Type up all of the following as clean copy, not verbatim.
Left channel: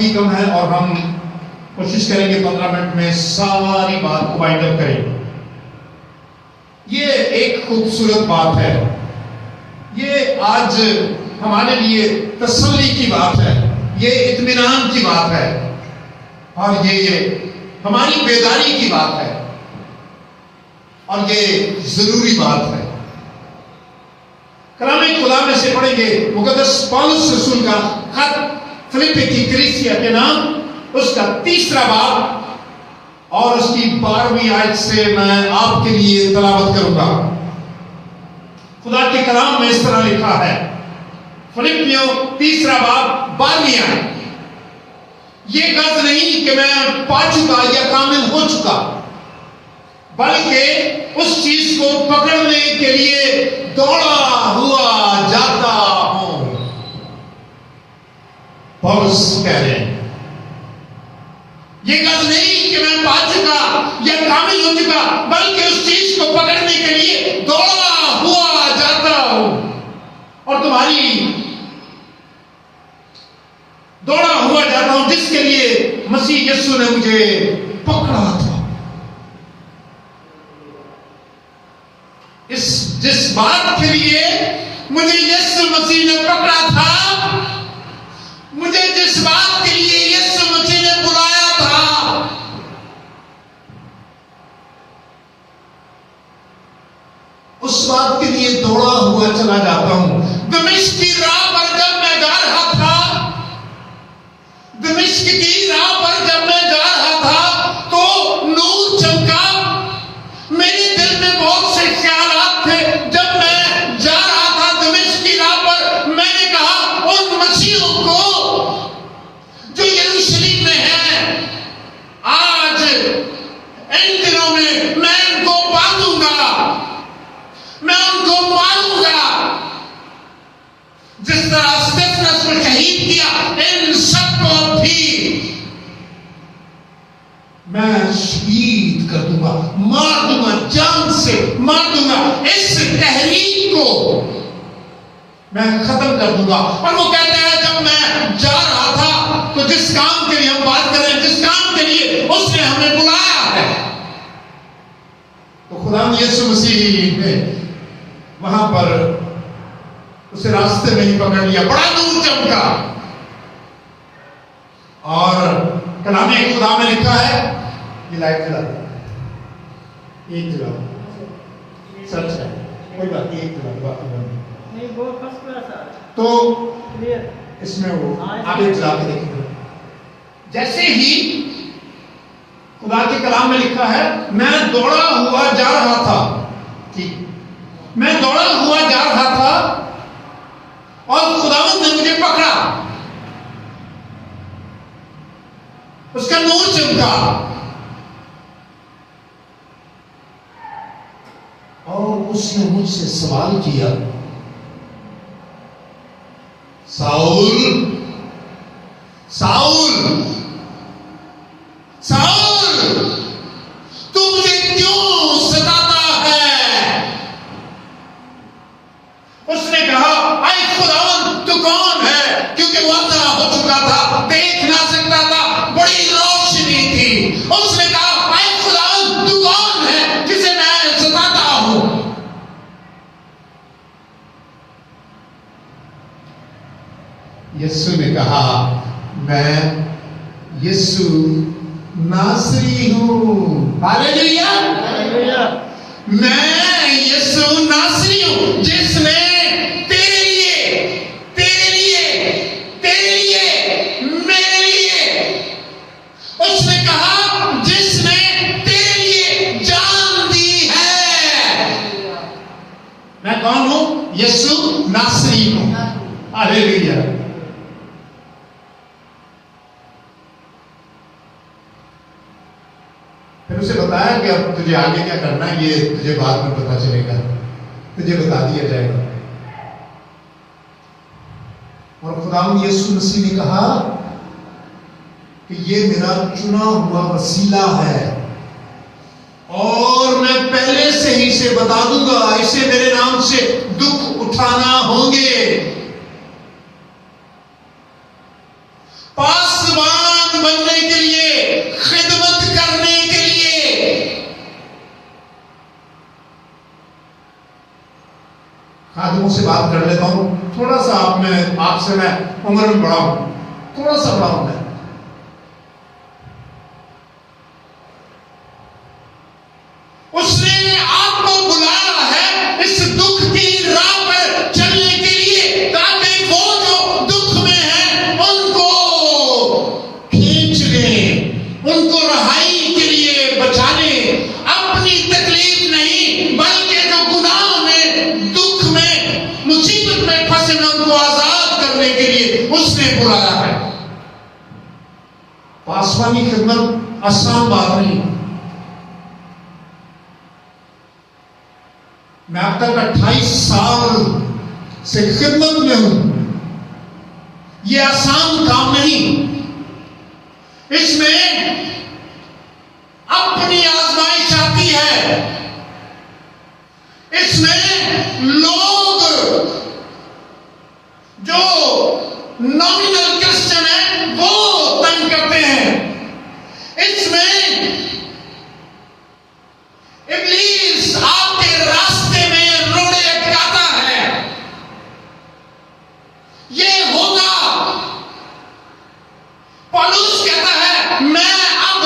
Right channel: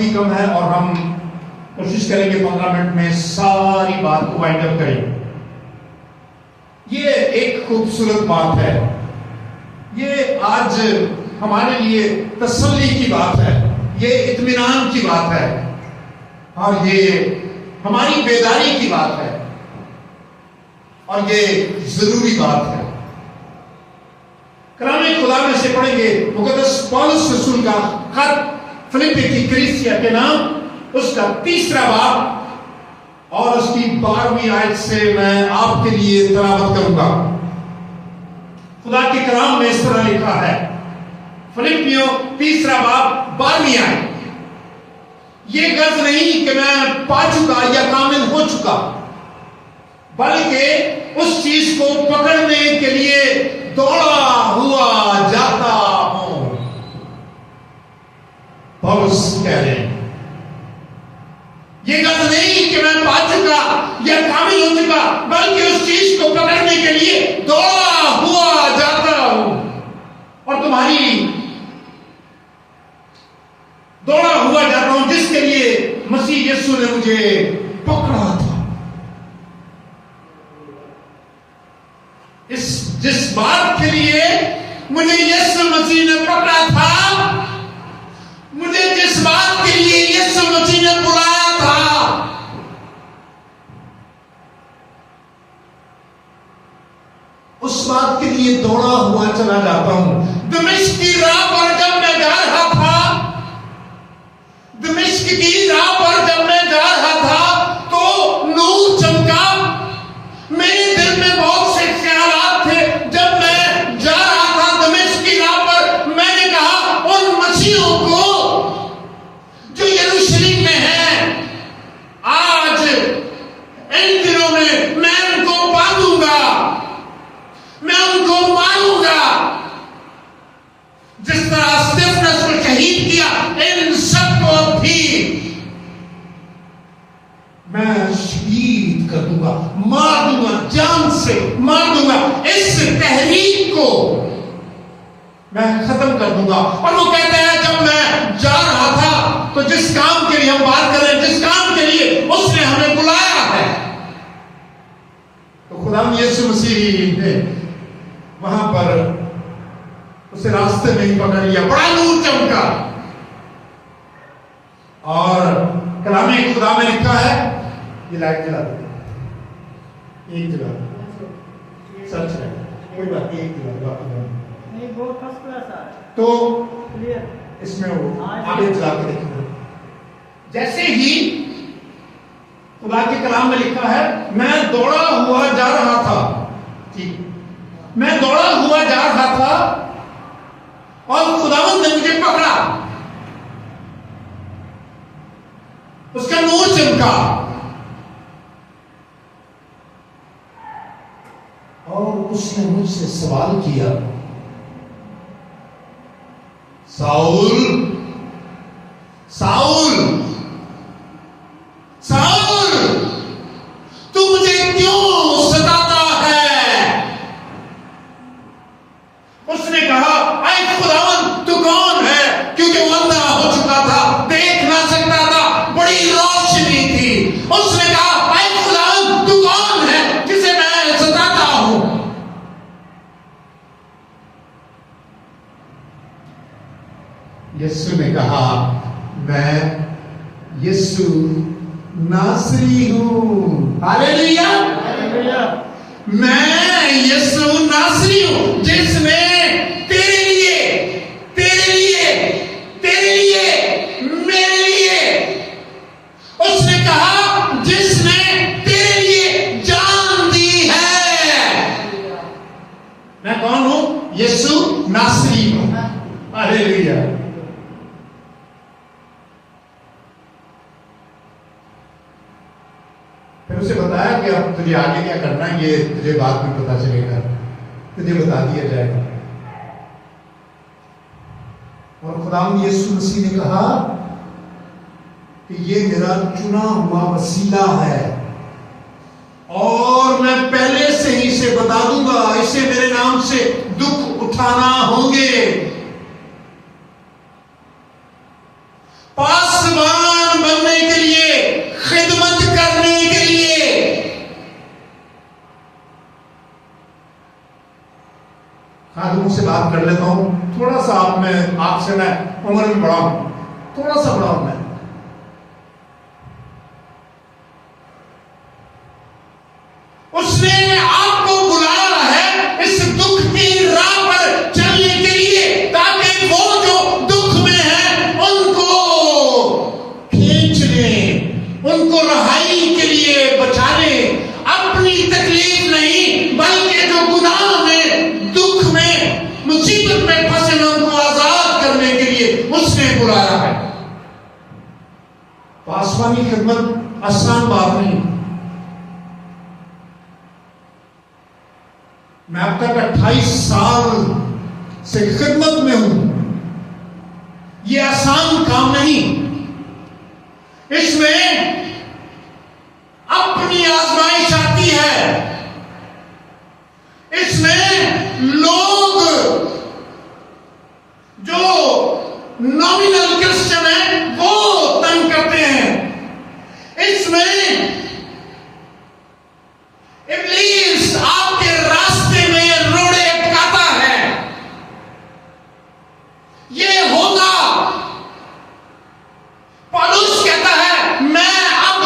भी कम है और हम कोशिश करेंगे 15 मिनट में सारी बात को वाइंड अप करें। ये एक खूबसूरत बात है, ये आज हमारे लिए तसल्ली की बात है, ये इत्मीनान की बात है और ये हमारी बेदारी की बात है और ये जरूरी बात है। कलाम खुदा में से पढ़ेंगे मुकद्दस पौलुस रसूल का खत फिलिप्पी की कलीसिया के नाम, उसका 3रा बाब और उसकी 12वीं आयत से मैं आपके लिए तिलावत करूंगा। खुदा के कलाम में इस तरह लिखा है, फिलिप्पियों 3रा बाब 12वीं आयत, ये गर्ज नहीं कि मैं पा चुका या कामिल हो चुका, बल्कि उस चीज को पकड़ने के लिए दौड़ा हुआ जाता हूं। पौलुस कह रहे हैं, ये गर्ज नहीं कि मैं पा चुका या कामिल हो चुका, बल्कि उस चीज को पकड़ने के लिए दौड़ा हुआ जाता हूं। और तुम्हारी दौड़ा हुआ जाता हूं जिसके लिए मसीह यीशु ने मुझे पकड़ा था। जिस बात के लिए मुझे यीशु मसीह ने पकड़ा था, मुझे जिस बात के लिए यीशु मसीह ने बुलाया था, उस बात के लिए दौड़ा हुआ चला जाता हूं। दमिश्क की राह पर जब मैं जा रहा था, दमिश्क की राह पर जब मैं जा रहा था तो नूर चमका। मेरे दिल में बहुत से ख्यालात थे। जब मैं जा रहा था दमिश्क की राह पर, मैंने कहा उन मसीहों को जो यरूशलेम में है, आज इन दिनों में मैं उनको बांधूंगा, मैं उनको मारूंगा। जिस तरह स्टेफनस को शहीद किया, इन सबको भी मैं शहीद कर दूंगा, मार दूंगा, जान से मार दूंगा। इस तहरीक को मैं खत्म कर दूंगा। और वो कहता है, जब मैं जा रहा था तो जिस काम के लिए हम बात कर रहे हैं, जिस काम के लिए उसने हमें बुलाया है, तो खुदा यीशु मसीह ने वहां पर उसे रास्ते में ही पकड़ लिया। बड़ा नूर चमका और कलाम खुदा में लिखा है, ये लाइट जला दो, एक जला, सच है, कोई बात नहीं, एक जला नहीं, बहुत फर्स्ट क्लास है। तो इसमें वो आगे जला के देखेंगे। जैसे ही खुदा के कलाम में लिखा है, मैं दौड़ा हुआ जा रहा था, ठीक, मैं दौड़ा हुआ जा रहा था और खुदावंद ने मुझे पकड़ा, उसका नूर चमका और उसने मुझसे सवाल किया, साउल साउल साउल, तू मुझे क्यों सताता है? उसने कहा, ऐ खुदावंद तू कौन है? क्योंकि वो अंधा हो चुका था, देख ना सकता था, बड़ी रोशनी थी। उसने कहा, ऐ खुदावंद तू कौन है जिसे मैं सताता हूं? यीशु ने कहा, मैं यीशु नासरी हूं। हालेलुया, मैं यीशु नासरी हूं जिसने तेरे लिए मेरे लिए, उसने कहा जिसने तेरे लिए जान दी है। मैं कौन हूं? यीशु नासरी हूं। हालेलुया। फिर उसे बताया कि अब तुझे आगे क्या करना है, ये तुझे बाद में पता चलेगा, तुझे बता दिया जाएगा। और खुदावंद यीशु मसीह ने कहा कि ये मेरा चुना हुआ वसीला है और मैं पहले से ही इसे बता दूंगा, इसे मेरे नाम से दुख उठाना होंगे। पासवान खादिमों से बात कर लेता हूं। थोड़ा सा आपसे मैं उम्र में बड़ा हूं, थोड़ा सा बड़ा हूं मैं। उसने आपको बुलाया है इस दुख की राह पर चलने के लिए, ताकि वो जो दुख में है उनको खींच ले, उनको रहाई के लिए बचा ले। अपनी तकलीफ नहीं, बल्कि जो गुनाह में, दुख में, मुसीबत में फंसे हैं उनको आजाद करने के लिए उसने बुलाया है। पासवानी खिदमत आसान बात नहीं। मैं अब तक 28 साल से खिदमत में हूं। यह आसान काम नहीं। इसमें अपनी आजमाइश आती है। इसमें लोग जो नॉमिनल क्रिश्चियन है वो तंग करते हैं। इसमें इब्लीस आपके रास्ते में रोड़े अटकाता है। ये होगा। पौलुस कहता है मैं अब,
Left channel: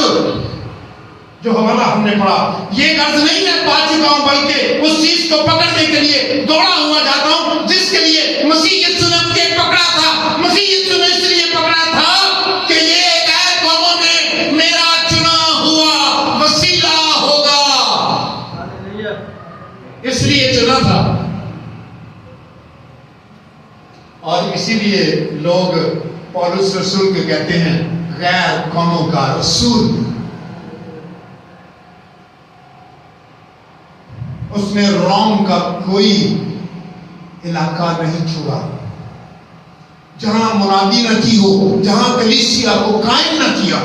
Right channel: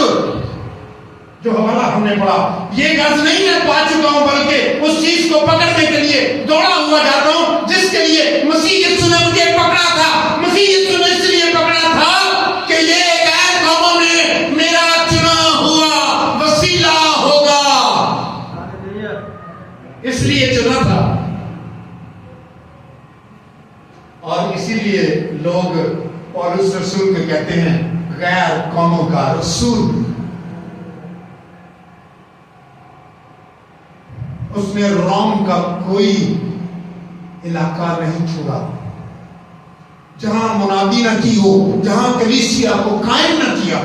जो हवाला हमने पढ़ा, ये गर्ज नहीं मैं पा चुका हूं, बल्कि उस चीज को पकड़ने के लिए दौड़ा हुआ जाता हूं जिसके लिए मसीह यीशु ने मुझे पकड़ा था। मसीह यीशु ने इसलिए पकड़ा था कि ये गैर कौमों में मेरा चुना हुआ वसीला होगा, इसलिए चुना था। और इसीलिए लोग पौलुस रसूल को कहते हैं गैर कौमों का रसूल। उसने रोम का कोई इलाका नहीं छोड़ा जहां मुनादी न की हो, जहां कलीसिया को कायम न किया।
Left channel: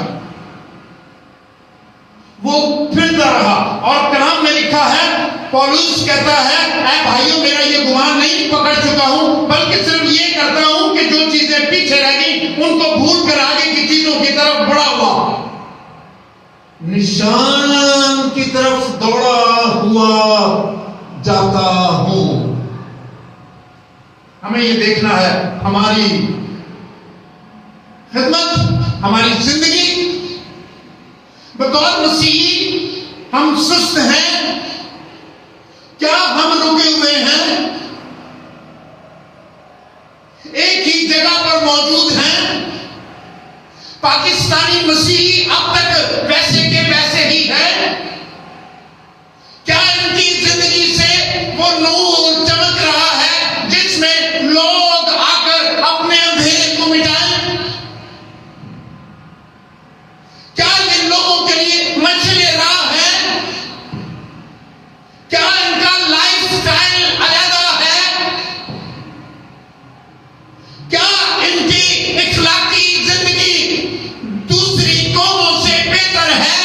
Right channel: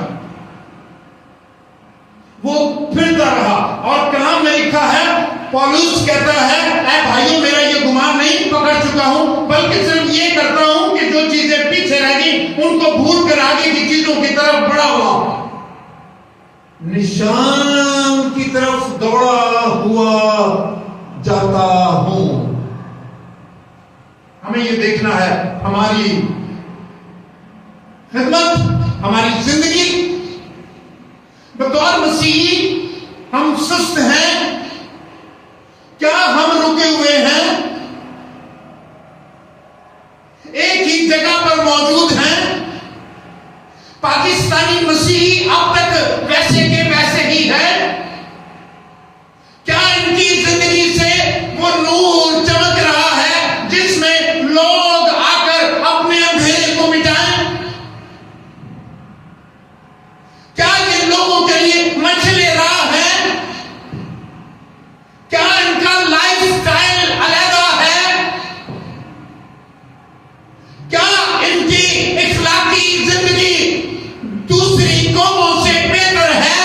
वो फिरता रहा। और कलाम में लिखा है, पौलुस कहता है ऐ भाइयों मेरा ये गुमान नहीं पकड़ चुका हूं, बल्कि सिर्फ ये करता हूं कि जो चीजें पीछे रह गई उनको भूल कर आगे की चीजों की तरफ बढ़ा हुआ, निशान की तरफ दौड़ा हुआ जाता हूं। हमें ये देखना है हमारी खिदमत, हमारी जिंदगी बतौर मसीही हम सुस्त हैं क्या? हम रुके हुए हैं? एक ही जगह पर मौजूद हैं? पाकिस्तानी मसीही अब तक वैसे के वैसे ही है? क्या इनकी जिंदगी से वो नूर चमक रहा है जिसमें लोग आकर अपने अंधेरे को मिटाएं? क्या ये लोगों के लिए मछली राह है? क्या इनका लाइफस्टाइल अलग है? क्या इनकी इखलाकी जिंदगी दूसरी कौमों से बेहतर है?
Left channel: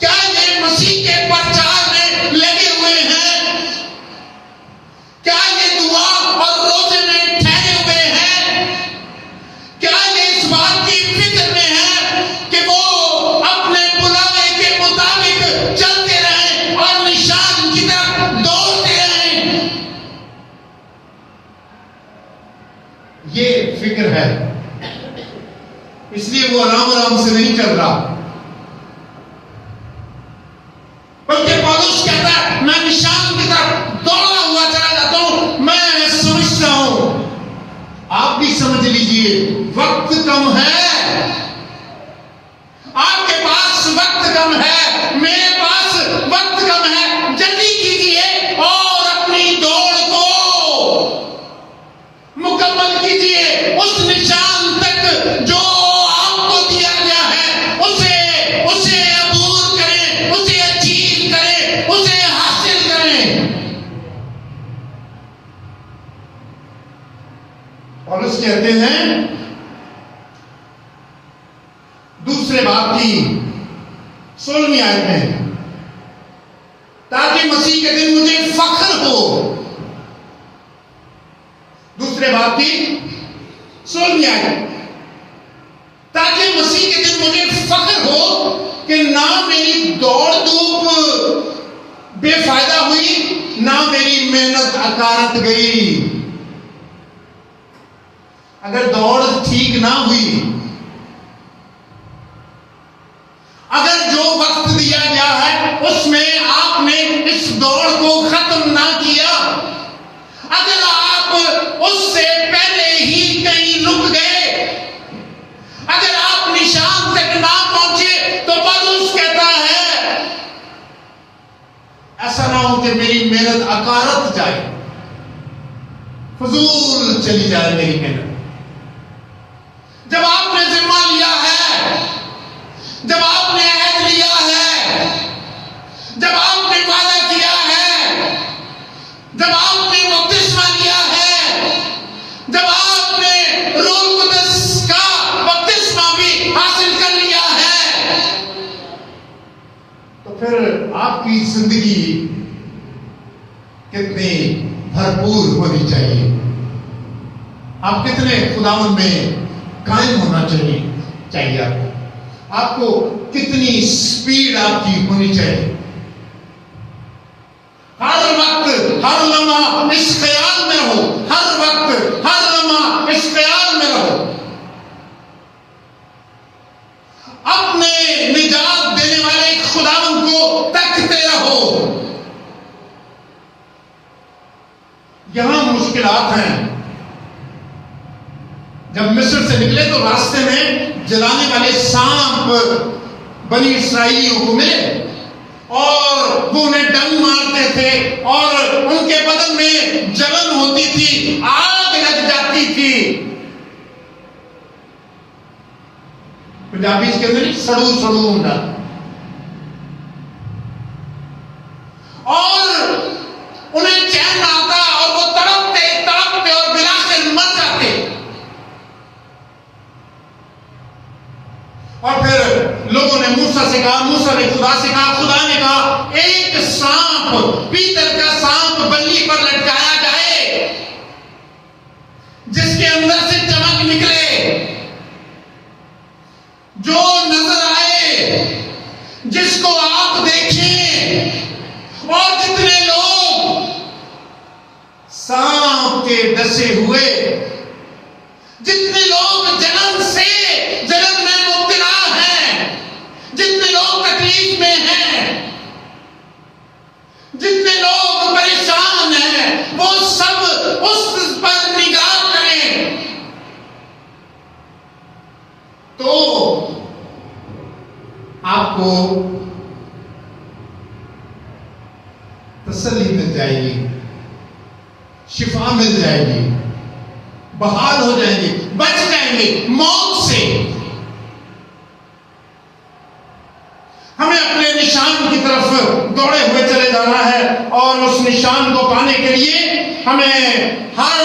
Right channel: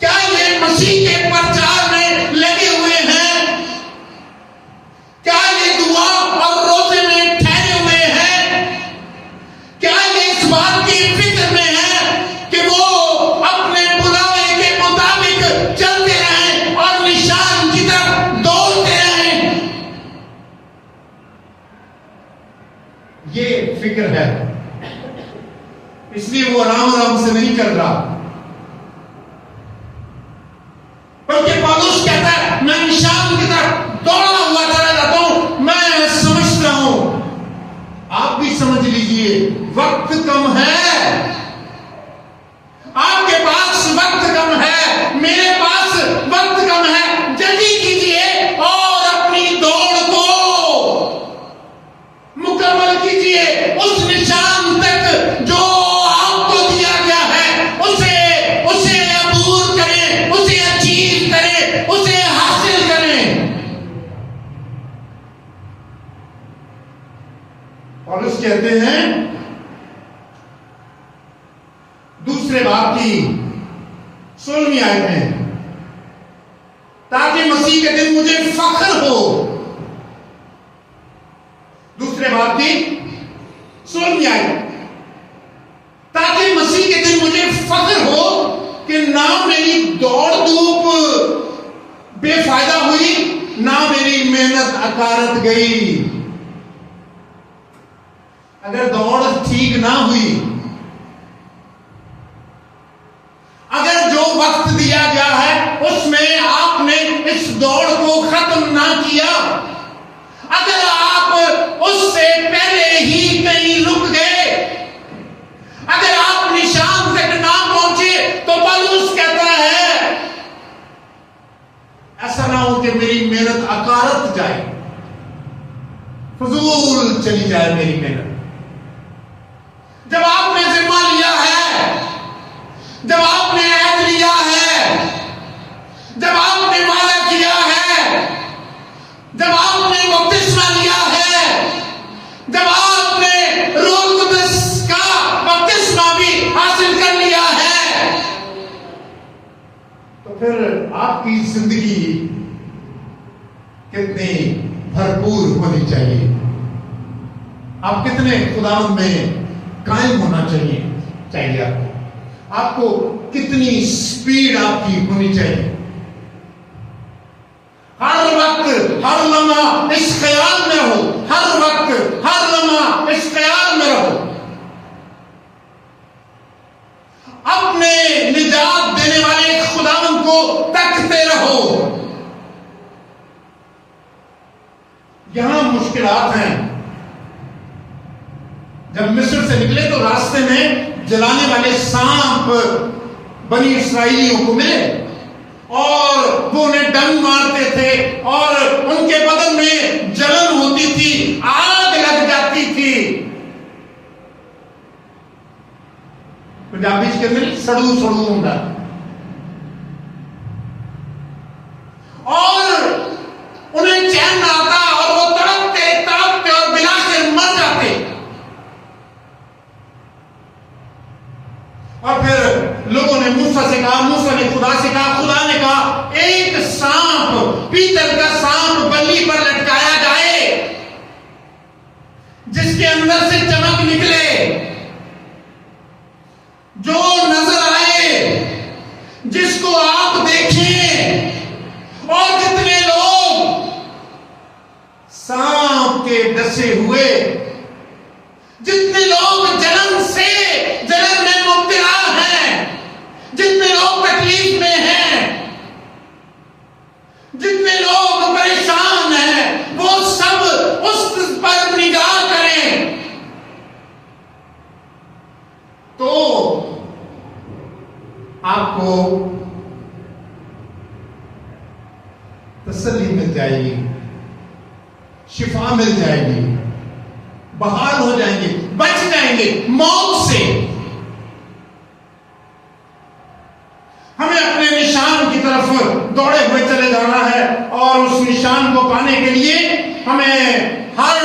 क्या ये मसीह के प्रचार में लगे हुए हैं? क्या ये दुआ और रोजे में ठहरे हुए हैं? क्या ये इस बात की फिक्र में है कि वो अपने बुलावे के मुताबिक चलते रहें और निशान की तरफ दौड़ते रहें? ये फिक्र है, इसलिए वो आराम आराम से नहीं चल रहा। बल्कि पौलुस कहता है मैं निशान की तरफ दौड़ा हुआ चला जाता हूं। मैं समझता हूं, आप भी समझ लीजिए, वक्त कम है। आपके पास वक्त कम है, मेरे पास वक्त कम है। जल्दी कीजिए और अपनी दौड़ को मुकम्मल कीजिए। उस निशान तक जो आपको दिया गया है उसे अबूर करें, उसे अचीव करें, उसे हासिल करें। पौलुस कहते हैं दूसरे बाब की 16वीं आयत में, ताकि मसीह के दिन मुझे फख्र हो। दूसरे बाब की 16वीं आयत, ताकि मसीह के दिन मुझे फख्र हो कि ना मेरी दौड़ धूप बेफायदा हुई, ना मेरी मेहनत अकारत गई। अगर दौड़ ठीक ना हुई, अगर जो वक्त दिया गया है उसमें आपने इस दौड़ को खत्म ना किया, अगर आप उससे पहले ही कहीं रुक गए, अगर आप निशान तक ना पहुंचे, तो पौलुस कहता है ऐसा ना हो कि मेरी मेहनत अकारत जाए, फजूल चली जाए मेरी मेहनत। जब आपने जिम्मा लिया है, जब आपने ऐद लिया है, जब आपने वादा किया है, जब आपने बपतिस्मा लिया है, जब आपने रूह कुदस का बपतिस्मा भी हासिल कर लिया है, तो फिर आपकी जिंदगी कितनी भरपूर होनी चाहिए, आप कितने खुदावंद में कायम होना चाहिए आपको कितनी स्पीड आपकी होनी चाहिए। हर वक्त हर लम्हा इस ख्याल में रहो, हर वक्त हर लम्हा इस ख्याल में रहो, अपने निजात देने वाले खुदावंद को तकते रहो। यहां मुश्किलात हैं। जब मिस्र से निकले तो रास्ते में जलाने वाले सांप बनी इस्राएलियों को मिले और वो उन्हें डंक मारते थे और उनके बदन में जलन होती थी, आग लग जाती थी। पंजाबी के अंदर सड़ू सड़ू होता, और उन्हें चैन ना आता और वो तड़पते तड़पते और बिलाकर मर जाते। और फिर लोगों ने मूसा से कहा, मूसा ने खुदा से कहा, खुदा ने कहा एक सांप, पीतल का सांप बल्ली पर लटकाया जाए जिसके अंदर से चमक निकले, जो नजर आए, जिसको आप देखें। और जितने लोग सांप के डसे हुए, जितने लोग जलन में मुब्तला हैं, जितने लोग तकलीफ में हैं, जितने लोग परेशान हैं, वो सब उस पर निगाह करें तो आपको तसल्ली मिल जाएगी, शिफा मिल जाएगी, बहाल हो जाएंगे, बच जाएंगे मौत से। हमें अपने निशान की तरफ दौड़े हुए चले जाना है और उस निशान को पाने के लिए हमें हर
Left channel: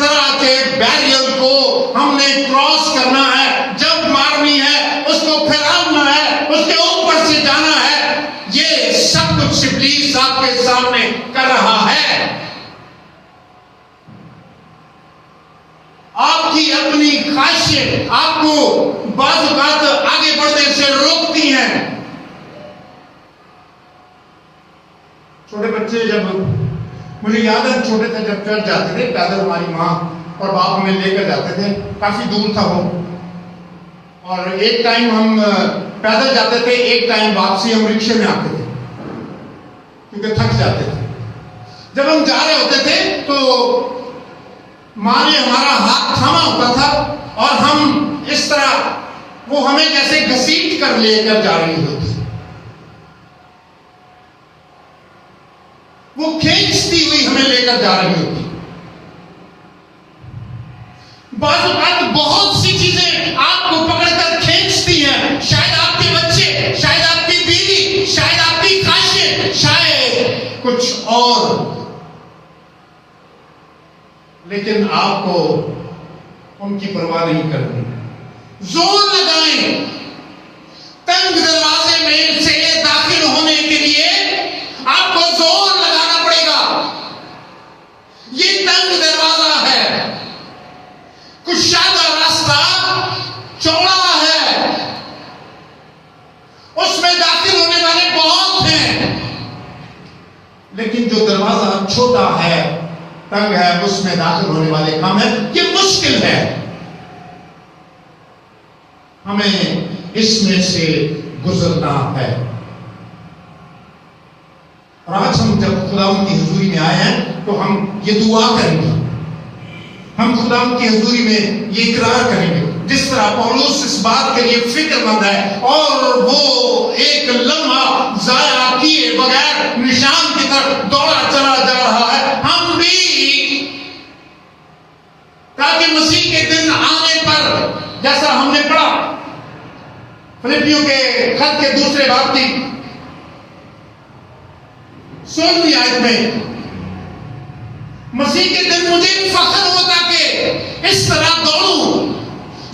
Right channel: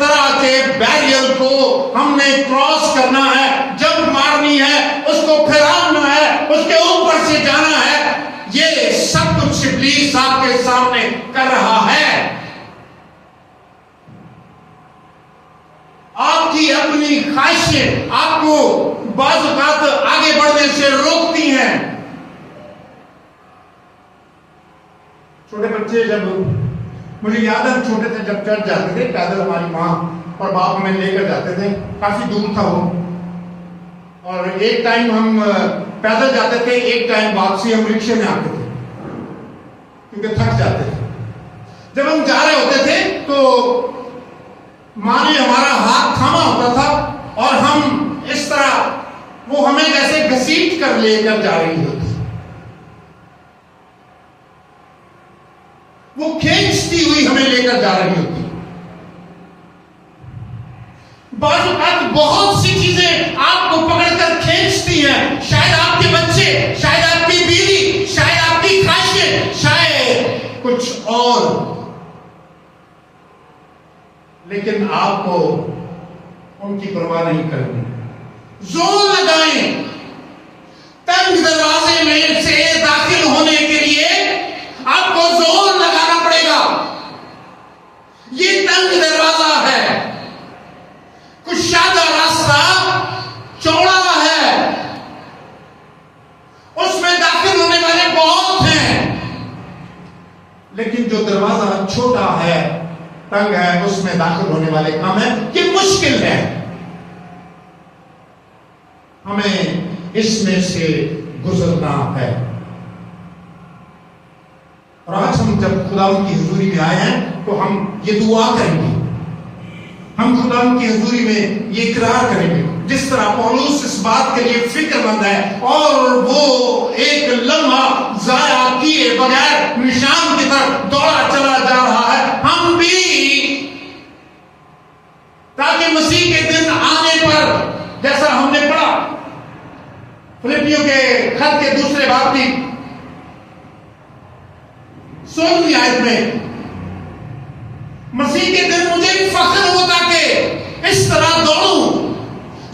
तरह के बैरियर को हमने क्रॉस करना है, जंप मारनी है, उसको फिराना है, उसके ऊपर से जाना है। ये सब कुछ इब्लीस आपके सामने कर रहा है। आपकी अपनी ख्वाहिशें आपको बाज़ औक़ात आगे बढ़ने से रोकती हैं। छोटे बच्चे, जब मुझे याद है छोटे थे, जब चर्च जाते थे पैदल, हमारी माँ और बाप हमें लेकर जाते थे, काफी दूर था वो, और एक टाइम हम पैदल जाते थे, एक टाइम वापसी हम रिक्शे में आते थे क्योंकि थक जाते थे। जब हम जा रहे होते थे तो माँ ने हमारा हाथ थामा होता था और हम इस तरह, वो हमें जैसे घसीट कर लेकर जा रही होती, वो खींचती हुई हमें लेकर जा रही होती। बाज़ औक़ात बहुत सी चीजें आपको पकड़कर खींचती हैं, शायद आपके बच्चे, शायद आपकी बीवी, शायद आपकी ख्वाहिशें, शायद कुछ और, लेकिन आपको उनकी परवाह नहीं करनी। जोर लगाएं, तंग दरवाजे में से दाखिल होने के लिए आपको जोर लगाना पड़ेगा। ये तंग दरवाजा है, कुशादा रास्ता चौड़ा है, उसमें दाखिल होने वाले बहुत हैं, लेकिन जो दरवाजा छोटा है तंग है, उसमें दाखिल होने वाले काम है। ये मुश्किल है, हमें इसमें से गुजरना है। और आज हम जब खुदावंद की हुजूरी में आए हैं तो हम ये दुआ करेंगे, हम खुदावंद की हुजूरी में ये इकरार करेंगे, जिस तरह पौलुस इस बात के लिए फिक्रमंद है और वो एक लम्हा जाया किए बगैर निशान की तरफ दौड़ा चला जा रहा है, हम भी ताकि मसीह के दिन आने पर, जैसा हमने पढ़ा फिलिपियों के खत के दूसरे बाब की 16वीं आयत में, मसीह के दिन मुझे फख्र होता कि इस तरह दौड़ूं।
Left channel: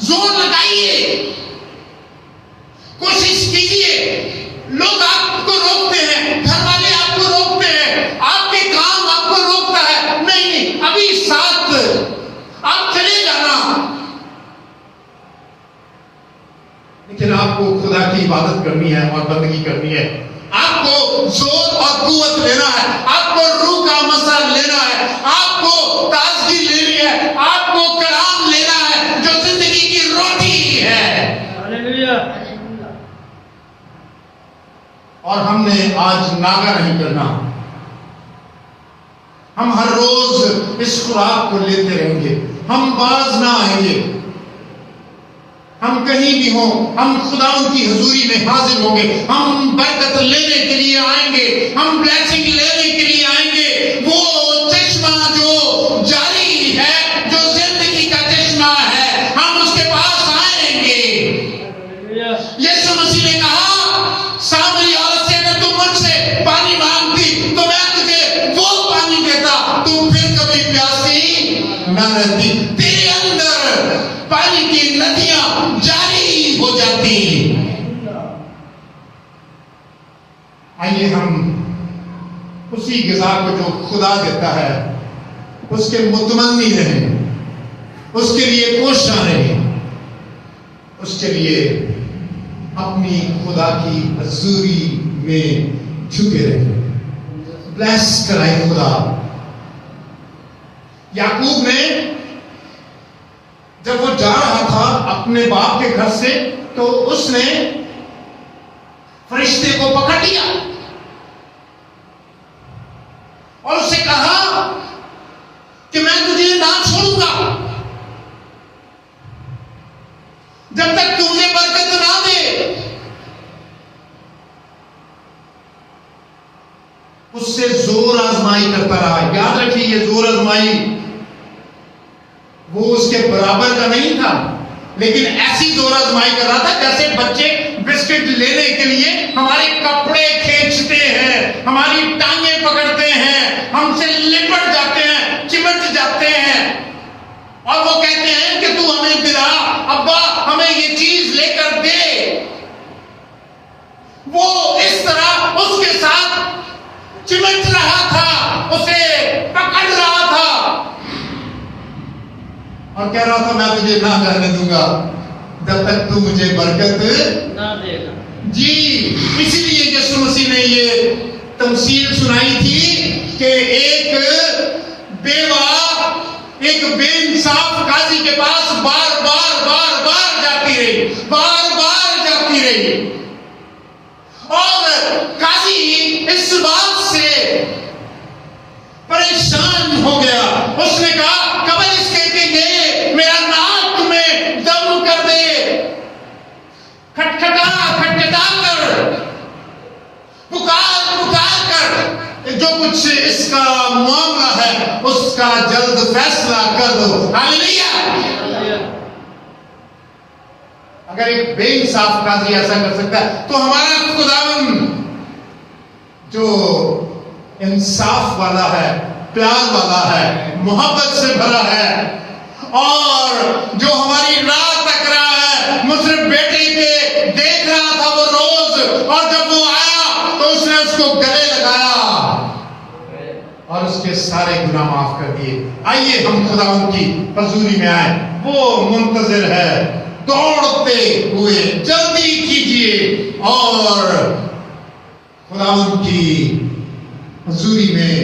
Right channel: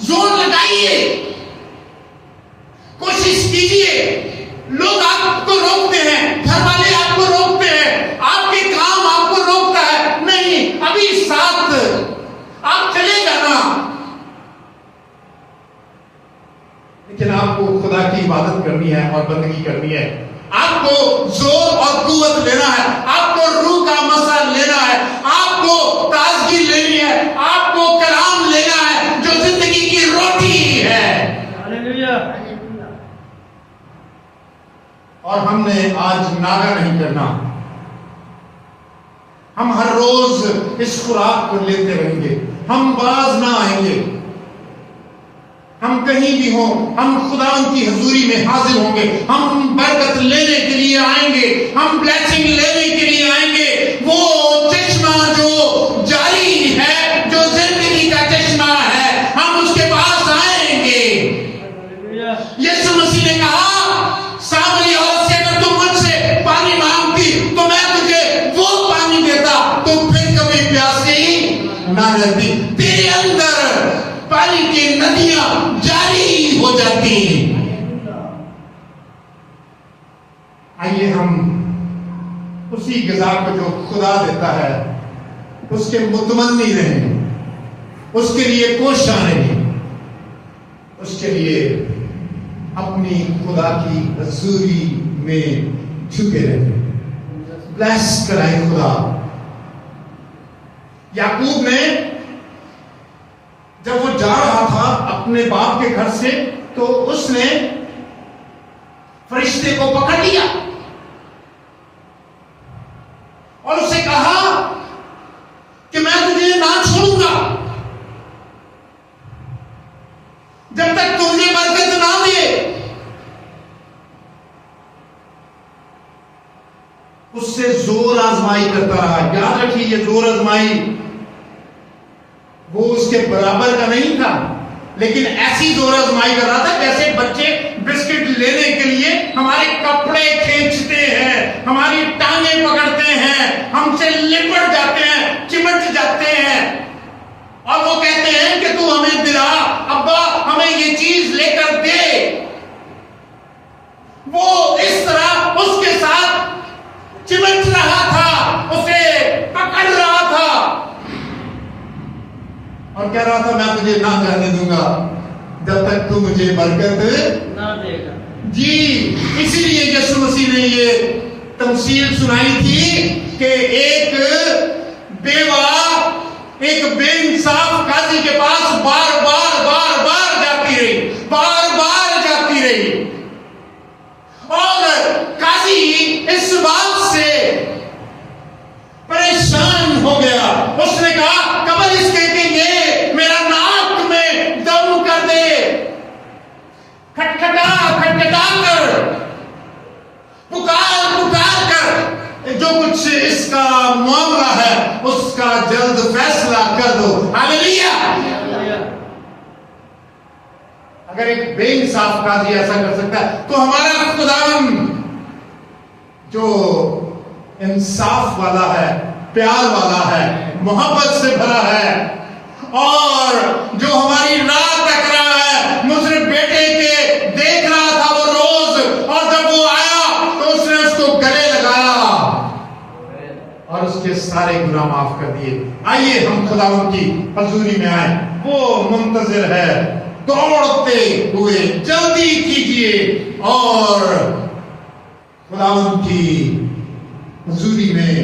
जोर लगाइए, कोशिश कीजिए। लोग आपको रोकते हैं, घर वाले आपको रोकते हैं, आपके काम आपको रोकता है, नहीं अभी साथ आप चले जाना। लेकिन आपको खुदा की इबादत करनी है और बंदगी करनी है, आपको जोर और कुव्वत लेना है, आपको रूह का मसा लेना है, आपको ताजगी लेनी है, आपको कलाम लेना है जो जिंदगी की रोटी है। हालेलुया। और हमने आज नागा नहीं करना, हम हर रोज इस खुराक को लेते रहेंगे, हम बाज ना आएंगे। हम कहीं भी हों, हम खुदावंद की हुजूरी में हाजिर होंगे, हम बरकत लेने के लिए आएंगे, हम ब्लेसिंग लेने के लिए आएंगे। वो चश्मा जो जारी है, जो जिंदगी का चश्मा है, हम उसके पास आएंगे। यीशु मसीह ने कहा, सामरी औरत से अगर तुम मुझसे पानी मांगती तो मैं तुझे वो पानी देता, तुम फिर कभी प्यासी ना रहती, तेरे अंदर पानी की नदियां जारी हो जाती। आइए हम उसी ग़िज़ा को जो खुदा देता है उसके मुतमन्नी रहें, उसके लिए कोशिश रहें, उसके लिए अपनी खुदा की हजूरी में झुके रहें। ब्लेस कराए खुदा। याकूब ने जब वो जा रहा था अपने बाप के घर से, तो उसने फरिश्ते को पकड़ लिया और उससे कहा कि मैं तुझे ना छोड़ूंगा जब तक तू मुझे बरकत ना दे। उससे जोर आजमाई करता रहा। याद रखिए, ये जोर आजमाई वो उसके बराबर का नहीं था, लेकिन ऐसी जोर आजमाई कर रहा था जैसे बच्चे बिस्किट लेने के लिए हमारे कपड़े खींचते हैं, हमारी टांगें पकड़ते हैं, हमसे लिपट जाते हैं, चिमट जाते हैं और वो कहते हैं कि तू हमें दिला, अब्बा हमें ये चीज लेकर दे। वो इस तरह उसके साथ चिमट रहा था, उसे पकड़ रहा था और कह रहा था मैं तुझे ना जाने दूंगा जब तक तू मुझे बरकत ना देगा। जी, इसलिए यीशु मसीह ने ये तमसील सुनाई थी कि एक बेवा एक बेइंसाफ काजी के पास बार बार जाती रही, बार बार जाती रही और काजी इस बात से परेशान हो गया। उसने कहा कबर इसके के मेरा नाक में दम कर दे, खटखटा कर, पुकार कर, जो कुछ इसका मामला है उसका जल्द फैसला कर दो। हालेलुया। अगर एक बेइंसाफ काजी ऐसा कर सकता है तो हमारा खुदावंद जो इंसाफ वाला है, प्यार वाला है, मोहब्बत से भरा है और जो हमारी राह तक रहा है। मुझे बेटे के देख रहा था वो रोज, और जब वो आया तो उसने उसको गले लगाया और उसके सारे गुनाह माफ कर दिए। आइए हम खुदावंद की हजूरी में आए, वो मुंतजिर है, दौड़ते हुए जल्दी कीजिए और खुदावंद की हुजूरी में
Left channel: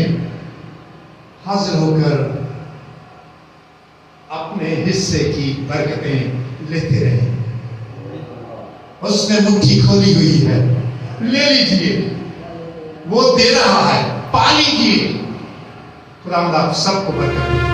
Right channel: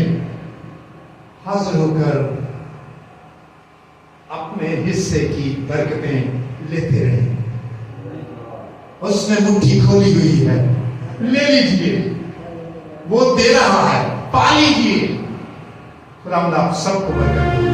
हाजिर होकर अपने हिस्से की बरकतें लेते रहे। उसने मुट्ठी खोली हुई है, ले लीजिए, वो दे रहा है, पा लीजिए। खुदा आप सबको बरकत दे।